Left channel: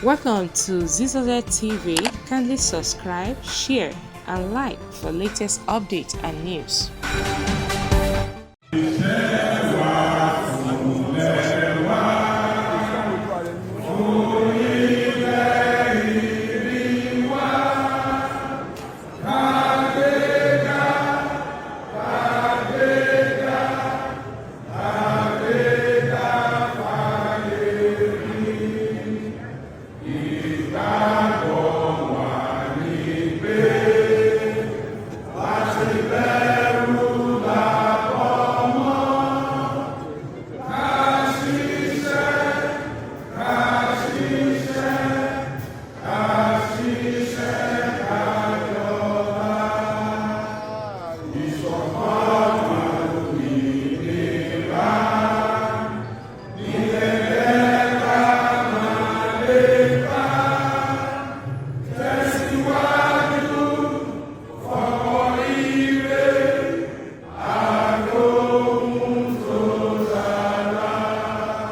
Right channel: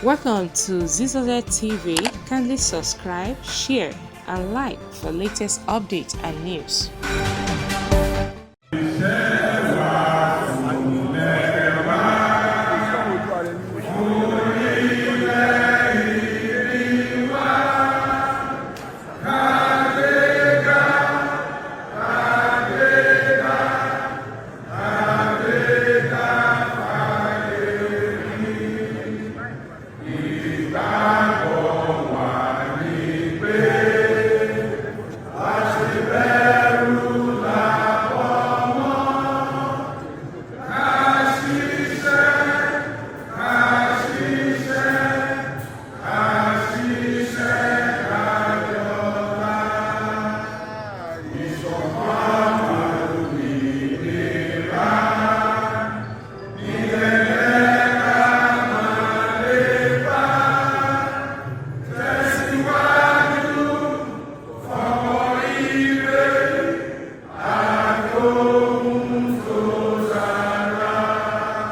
Welcome to Zisodel TV. Kindly subscribe, share, and like for latest updates and news.